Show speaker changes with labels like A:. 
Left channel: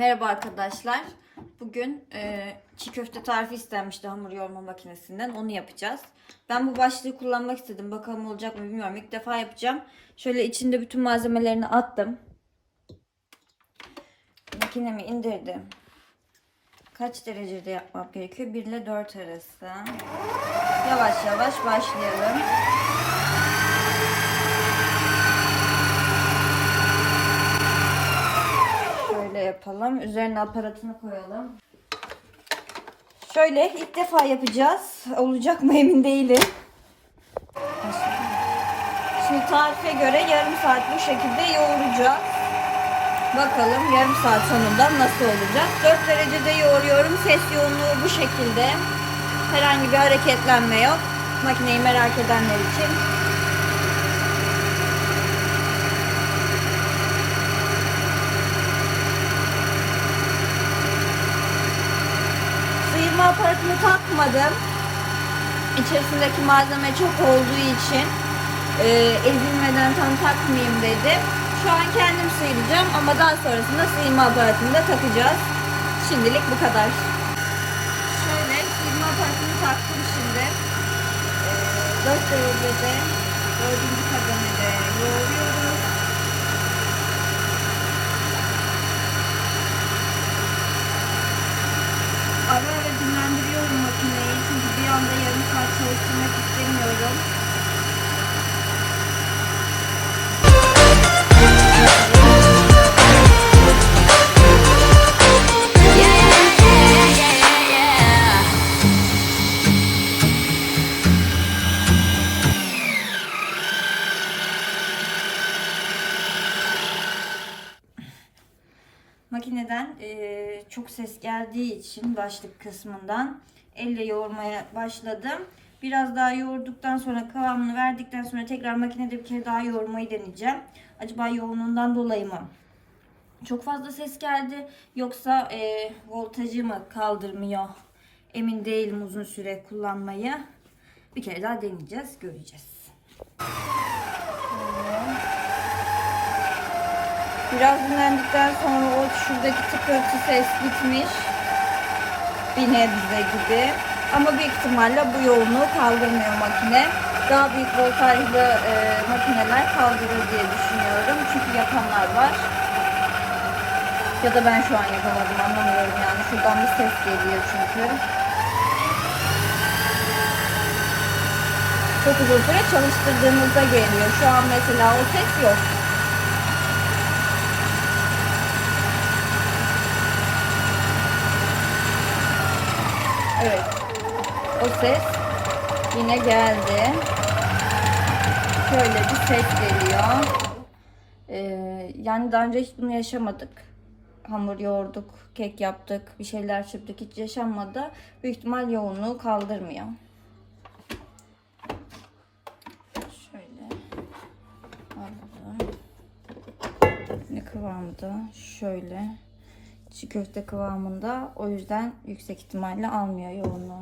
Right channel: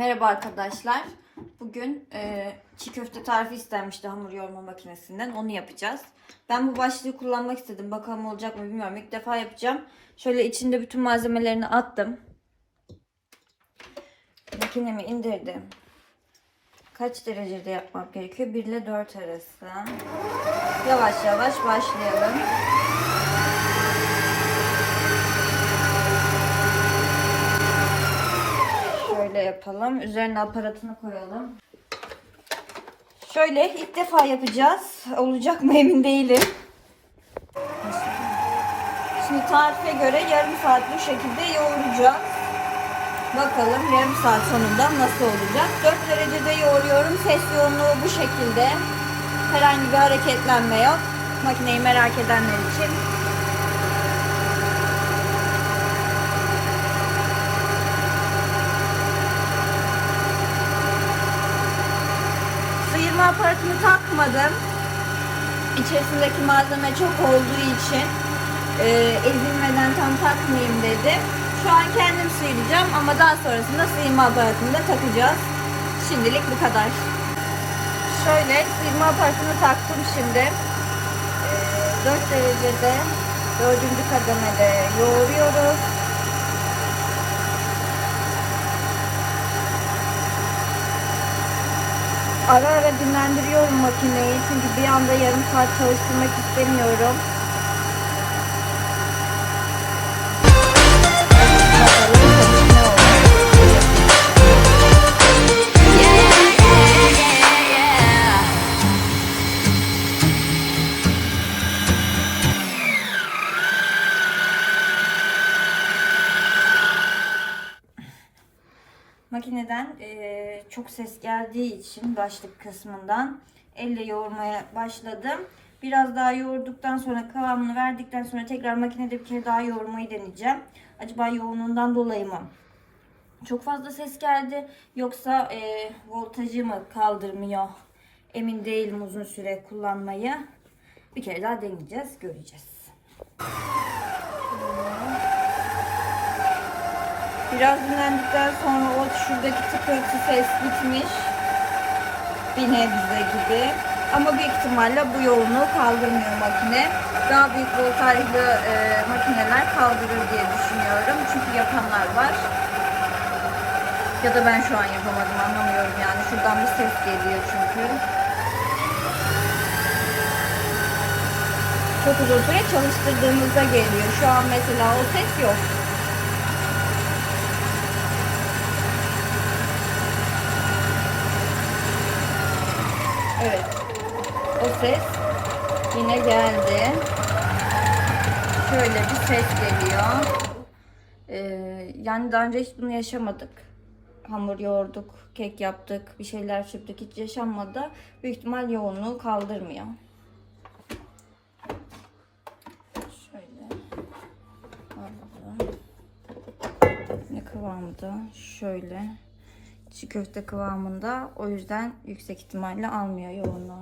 A: Merhaba arkadaşlar. Bugün e, çiğ köfte tarifi istenmişti hamur yoğurma makinesinden. Onu yapacağız. Ben bu başlığı kullanmak istedim. Bakalım olacak mı bilmiyorum. İlk defa yapacağım. Şöyle içinde bütün malzemelerini attım. Makinemi indirdim. Kaç derecede yapmak gerekiyor? 1 ile 4 arası. Yavaş yavaş başlayalım. Şöyle yapalım. Üzerine aparatını koyalım. Şöyle ilk defa yapacağız. Olacak mı emin değilim. Şimdi tarife göre yarım saat bu şekilde yoğuracağız. Bakalım yarım saat sonunda nasıl olacak. 4 derecede yoğuruyorum. Ses yoğunluğu bu şekilde. Herhangi bir hareketlenme yok. Makineyi merak edenler için. Sıyırma aparatını takmadım. İçerisindeki malzeme çok olduğu için e, ezilmeden tam takmayayım dedim. Şu an kendim sıyıracağım ama daha sonrasında sıyırma aparatını da takacağız. Şimdilik bu kadar. Şöyle sıyırma aparatını taktım şimdi. 4 derecede 4. kademede Ara ara dinlendiriyorum makineyi çünkü bir anda yarım saat çalıştırmak istemiyorum. Makineden eee, çok ses geldiği için başlık kısmından elle yoğurmaya başladım. Biraz daha yoğurduktan sonra kıvamını verdikten sonra tekrar makinede bir kere daha yoğurmayı deneyeceğim. Acaba yoğunluğundan dolayı mı? Çok fazla ses geldi yoksa eee, voltajı mı kaldırmıyor? Emin değilim uzun süre kullanmayı. Bir kere daha deneyeceğiz, göreceğiz. Biraz dinlendikten sonra o şuradaki tıkırtı ses gitmiş. Bir nebze gibi. Ama büyük ihtimalle bu yoğunluğu kaldırmıyor makine. Daha büyük voltajlı e, makineler kaldırır diye düşünüyorum. Çünkü yapanlar var. Ya da ben şu an yapamadım anlamıyorum yani. Şuradan bir ses geliyor çünkü. Çok uzun süre çalıştırdığımızda geliyor. Şu an mesela o ses yok. Evet. O ses yine geldi. Şöyle bir ses geliyor. Ee, yani daha önce hiç bunu yaşamadık. Hamur yoğurduk, kek yaptık, bir şeyler çırptık hiç yaşanmadı. Büyük ihtimal yoğunluğu kaldırmıyor. Şöyle alalım. Ne kıvamda? Şöyle çiğ köfte kıvamında. O yüzden yüksek ihtimalle almıyor yoğunluğu.